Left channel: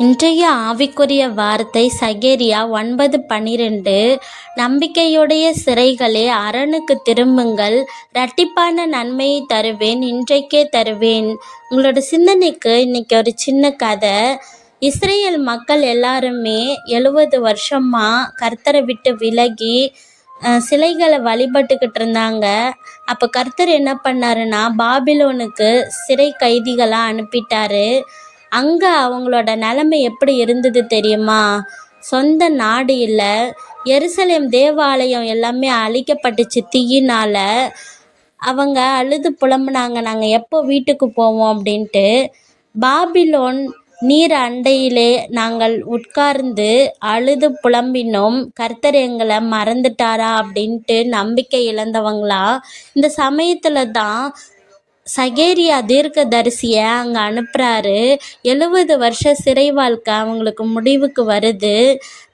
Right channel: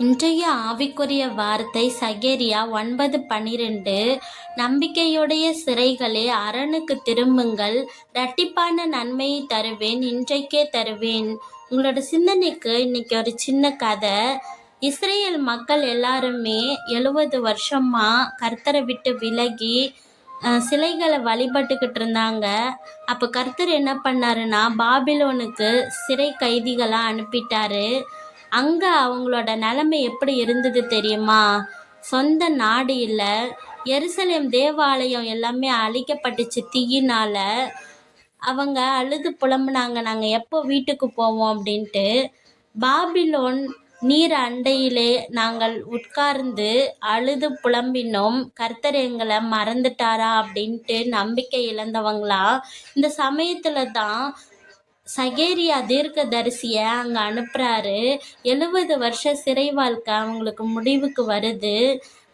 இன்றைய ஆவிக்குரிய வார்த்தை சகேரியா 9:12. நம்பிக்கையுடைய சிறைகளே, அரணுக்கு திரும்புங்கள், இரட்டிப்பான நன்மையை தருவேன், இன்றைக்கே தருவேன். உங்களோட சிந்தனைக்கு இன்னைக்கு ஒரு சின்ன கதை. இஸ்ரேல் மக்கள் எல்லாருமே 70 வருஷமா கர்த்தரை விட்டு விலகி சிலைகளை வழிபட்டுக்கிட்டு இருந்தாங்க. அப்போ கர்த்தர் என்ன பண்ணாருன்னா, பாபிலோனுக்கு சிறை கைதிகளாக அனுப்பிட்டாரு. அங்கே அவங்களோட நிலைமை எப்படி இருந்தது தெரியுமா? சொந்த நாடு இல்லை, எருசலேம் தேவாலயம் எல்லாமே அழிக்கப்பட்டுச்சு தீயினால். அவங்க அழுது புலம்புனாங்க, நாங்கள் எப்போ வீட்டுக்கு போவோம் அப்படின்ட்டு. பாபிலோன் நீர் அண்டையிலே நாங்கள் உட்கார்ந்து அழுது புலம்பினோம், கர்த்தர் எங்களை மறந்துட்டாரா அப்படின்ட்டு நம்பிக்கை இழந்தவங்களா. இந்த சமயத்தில் தான் சகேரியா தீர்க்கதரிசியை அங்கே அனுப்புகிறாரு. 70 வருஷ சிறை வாழ்க்கை அவங்களுக்கு முடிவுக்கு வருது.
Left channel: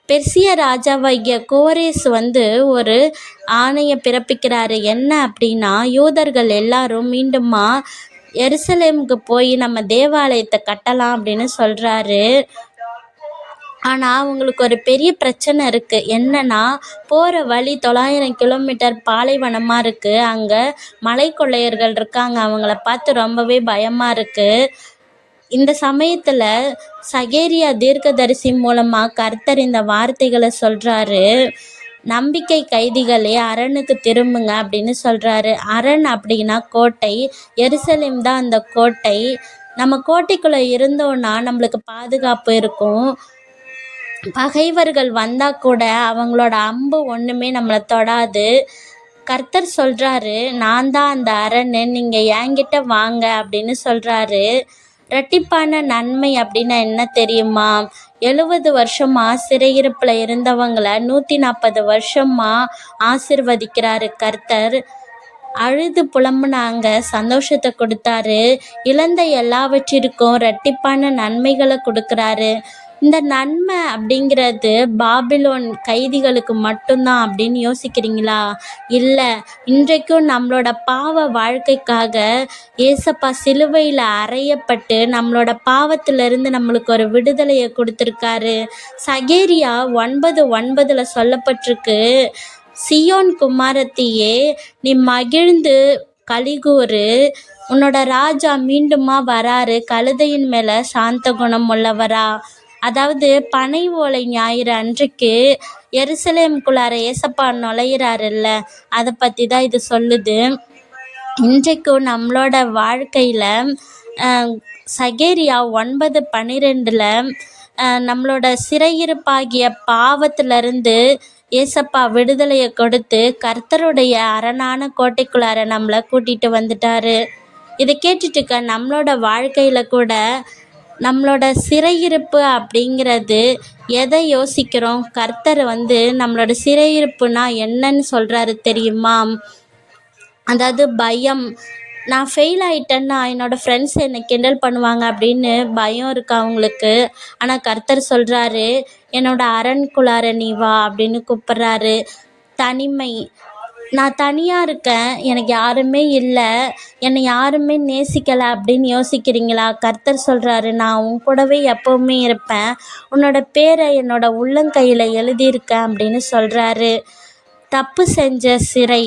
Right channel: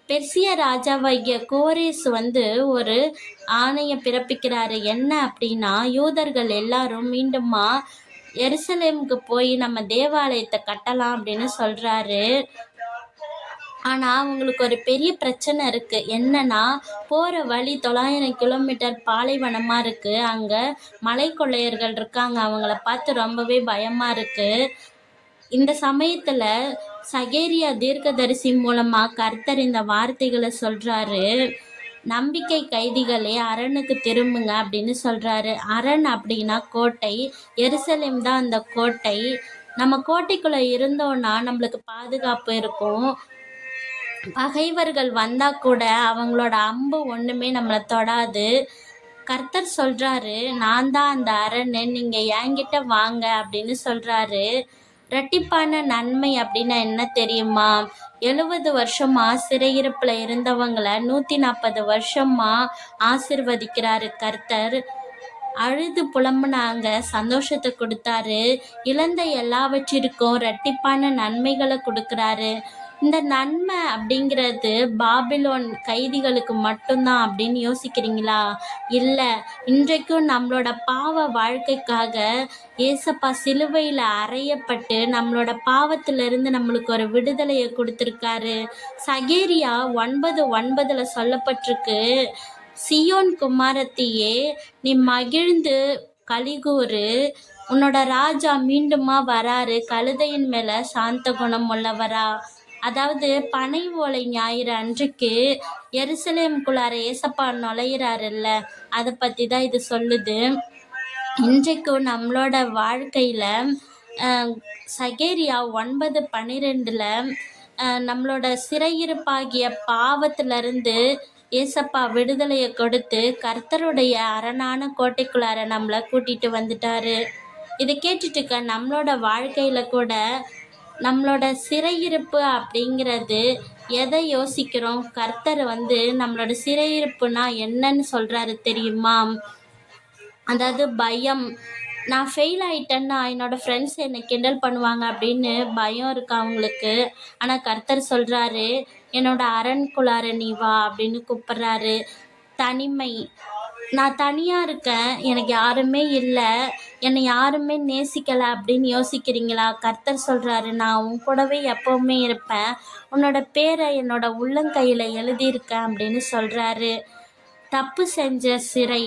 பெர்சிய ராஜாவாகிய கோரேஸ் ஒரு ஆணையை பிறப்பிக்கிறாரு. என்ன அப்படின்னா, யூதர்கள் எல்லாரும் மீண்டுமா எருசலேமுக்கு போய் நம்ம தேவாலயத்தை கட்டலாம் அப்படின்னு சொல்கிறாரு. ஆனால் அவங்களுக்கு ஒரு பெரிய பிரச்சனை இருக்குது. என்னன்னா, போகிற வழி 900 கிலோமீட்டர் பாலைவனமாக இருக்குது. அங்கே மலை கொள்ளையர்கள் இருக்காங்க. அவங்கள பார்த்து ரொம்பவே பயமாக இருக்குது. இந்த சமயத்தில் சகேரியா தீர்க்கதரிசி மூலமாக கர்த்தர் இந்த வார்த்தைகளை சொல்கிறாரு. நம்பிக்கை கைதிகளே, அரணுக்கு திரும்புங்க அப்படின்னு சொல்கிறாரு. அரண் அப்படின்னா கோட்டை. எருசலேம் தான் அந்த கோட்டை. நம்ம கோட்டைக்குள்ளே இருந்தோன்னா நம்மளுக்கு பாதுகாப்பு இருக்கும். பகைவர்கள் வந்தால் கூட அவங்களோட அம்பு ஒன்றுமே நம்மளை தொடாது. கர்த்தர் சொல்கிறாரு, நான் தான் அந்த அரண், நீங்கள் என்கிட்ட வாங்க அப்படின்னு சொல்கிறாரு. இரட்டிப்பான நன்மை அப்படின்னா என்ன தெரியுமா? 70 வருஷமாக சிறையிருப்பில் இருந்தவங்களை 140 வருஷமாக ஆசிர்வதிக்கிறாரு கர்த்தர். அழுது புலம்புனாங்க, சந்தோஷத்தை கொடுத்தாரு. இழந்த எல்லாவற்றிற்கும் இரட்டிப்பான நன்மைகளை கொடுக்குறாரு. இந்த நன்மை அப்படிங்கிறது பாபிலோன் கைதிகளுக்கு மட்டும்தான் அப்படின்னு யோசிக்கிறீங்களா? இல்லை, இன்றைக்கும் நம்மளோட பாவ வாழ்க்கைக்காக ஏசப்பா சிலுவையில் அறையப்பட்டு நம்மளோட பாவத்திலிருந்து நம்மளுக்கு ஒரு விடுதலையை கொடுத்துருக்காரு. சகேரியா 9:9 சொல்லப்பட்டிருக்கு, சியோன் குமாரத்தியே, நீ மகிழ்ந்து கலிகூறு, உன்னோட ராஜா மீண்டுமா வராரு, கழுதையின் மேலே சாந்த குணம் உள்ளவரா. அதாவது பனை ஓலை ஞாயிறு அன்றைக்கு எருசலேமுக்குள்ளார ஏசப்பா நுழையிறாருல்ல, அதை பற்றி தான் இது சொல்லுது. இன்றைக்கும் நம்மளோட வாழ்க்கையில் சகேரியா 9:12 நம்மளோட சிறையிருப்பாகிய பாவத்திலிருந்து ஏசப்பா விடுதலையை கொடுத்து கர்த்தருடைய அரணான கோட்டைக்குள்ளார நம்மளை கூட்டிகிட்டு வந்துட்டாரு. இதை கேட்டுட்டுக்க நம்மளோட வாழ்க்கையில் கூட நம்மளோட சிறையிருப்பு அப்படிங்கிறது எதை யோசிக்கிறோம்? கர்த்தர் நம்மளோட சிறையிருப்புனா என்னன்னு சொல்கிறாரு தெரியுமா? அதாவது பயம். நான் ஃபெயில் ஆகிட்டேன்னா என்னோடய ஃப்ரெண்ட்ஸ் என்னை கிண்டல் பண்ணுவாங்க அப்படின்னு பயம் இருக்கு அவங்களுக்கு. ஆனால் கர்த்தர் சொல்கிறாரு, என்னோடய அரண்குள்ளார நீ வா அப்படின்னு கூப்பிட்றாரு. தனிமை. நான் தனியாக இருக்கேன், எனக்கு யாருமே இல்லை, என்னை யாருமே நேசிக்கலை அப்படின்னு யோசிக்கிறீங்களா? கர்த்தர் சொல்கிறாரு, நான் உன் கூடவே எப்போவுமே இருப்பேன், உன்னோட பேரை என்னோட உள்ளங்கையில் எழுதியிருக்கேன் அப்படின்னு சொல்கிறாரு. தப்பு செஞ்ச சிறை.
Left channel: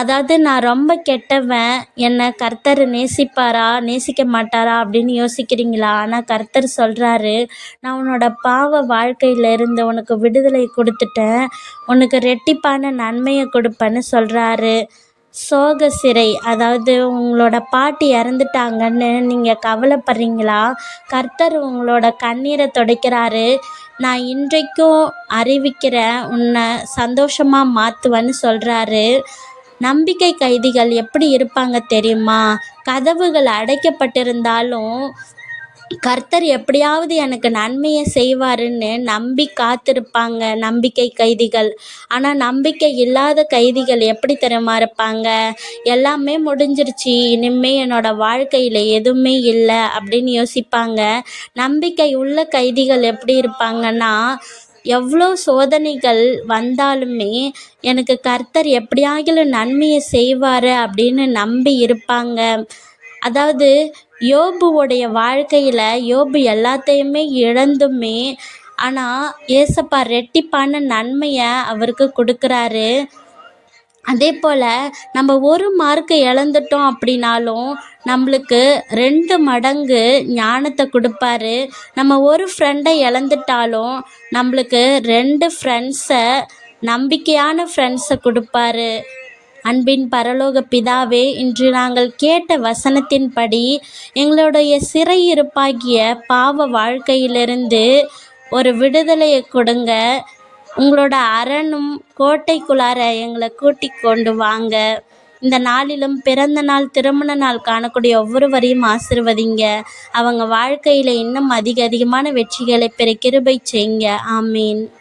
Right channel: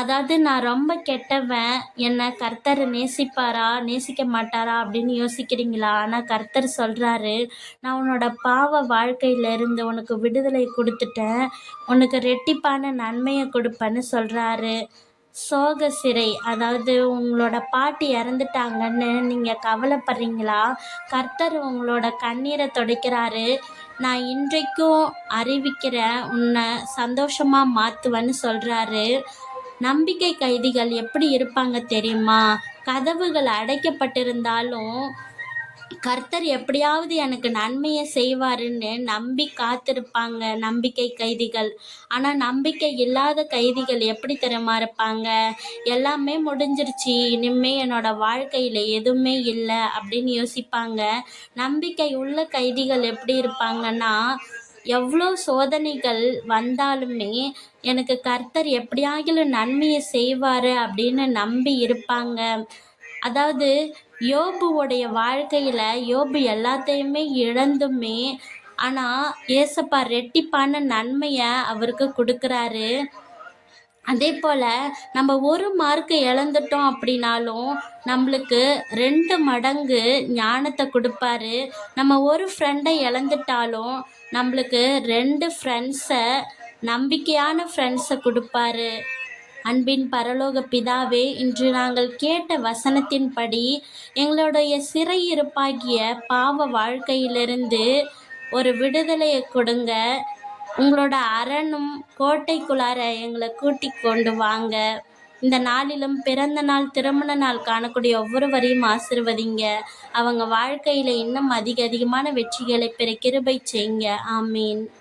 அதாவது நான் ரொம்ப கெட்டவன், என்னை கர்த்தர் நேசிப்பாரா நேசிக்க மாட்டாரா அப்படின்னு யோசிக்கிறீங்களா? ஆனால் கர்த்தர் சொல்கிறாரு, நான் உன்னோட பாவ வாழ்க்கையிலிருந்து உனக்கு விடுதலை கொடுத்துட்டேன், உனக்கு ரெட்டிப்பான நன்மையை கொடுப்பேன்னு சொல்கிறாரு. சோக சிறை. அதாவது உங்களோட பாட்டி இறந்துட்டாங்கன்னு நீங்கள் கவலைப்படுறீங்களா? கர்த்தர் உங்களோட கண்ணீரை துடைக்கிறாரு. நான் இன்றைக்கும் அறிவிக்கிறேன், உன்னை சந்தோஷமாக மாற்றுவேன்னு சொல்கிறாரு. நம்பிக்கை கைதிகள் எப்படி இருப்பாங்க தெரியுமா? கதவுகள் அடைக்கப்பட்டிருந்தாலும் கர்த்தர் எப்படியாவது எனக்கு நன்மையை செய்வாருன்னு நம்பி காத்திருப்பாங்க நம்பிக்கை கைதிகள். ஆனால் நம்பிக்கை இல்லாத கைதிகள் எப்படி தெரியுமா இருப்பாங்க? எல்லாமே முடிஞ்சிருச்சு, இனிமே என்னோட வாழ்க்கையில் எதுவுமே இல்லை அப்படின்னு யோசிப்பாங்க. நம்பிக்கை உள்ள கைதிகள் எப்படி இருப்பாங்கன்னா, எவ்வளோ சோதனைகள் வந்தாலுமே எனக்கு கர்த்தர் எப்படியாகிலும் நன்மையை செய்வார் அப்படின்னு நம்பி இருப்பாங்க. அதாவது யோபுவோடைய வாழ்க்கையில் யோபு எல்லாத்தையுமே இழந்துமே ஆனால் ஏசப்பா ரெட்டிப்பான நன்மையை அவருக்கு கொடுக்குறாரு. அதே போல் நம்ம ஒரு மார்க்கு இழந்துட்டோம் அப்படின்னாலும் நம்மளுக்கு 2 மடங்கு ஞானத்தை கொடுப்பாரு. நம்ம ஒரு ஃப்ரெண்டை இழந்துட்டாலும் நம்மளுக்கு 2 ஃப்ரெண்ட்ஸை, நம்பிக்கையான ஃப்ரெண்ட்ஸை கொடுப்பாரு. அன்பின் பரலோக பிதாவே, இன்று நாங்கள் கேட்ட வசனத்தின்படி எங்களுடைய சிறையிருப்பாகிய பாவ வாழ்க்கையிலிருந்து ஒரு விடுதலையை கொடுங்க. உங்களோட அரணும் கோட்டைக்குள்ளார எங்களை கூட்டி கொண்டு வாங்க. இந்த நாளிலும் பிறந்த நாள், திருமண நாள் காணக்கூடிய ஒவ்வொருவரையும் ஆசீர்வதிங்க. அவங்க வாழ்க்கையில் இன்னும் அதிகமான வெற்றிகளை பெற கிருபை செய்யுங்க. ஆமீன்.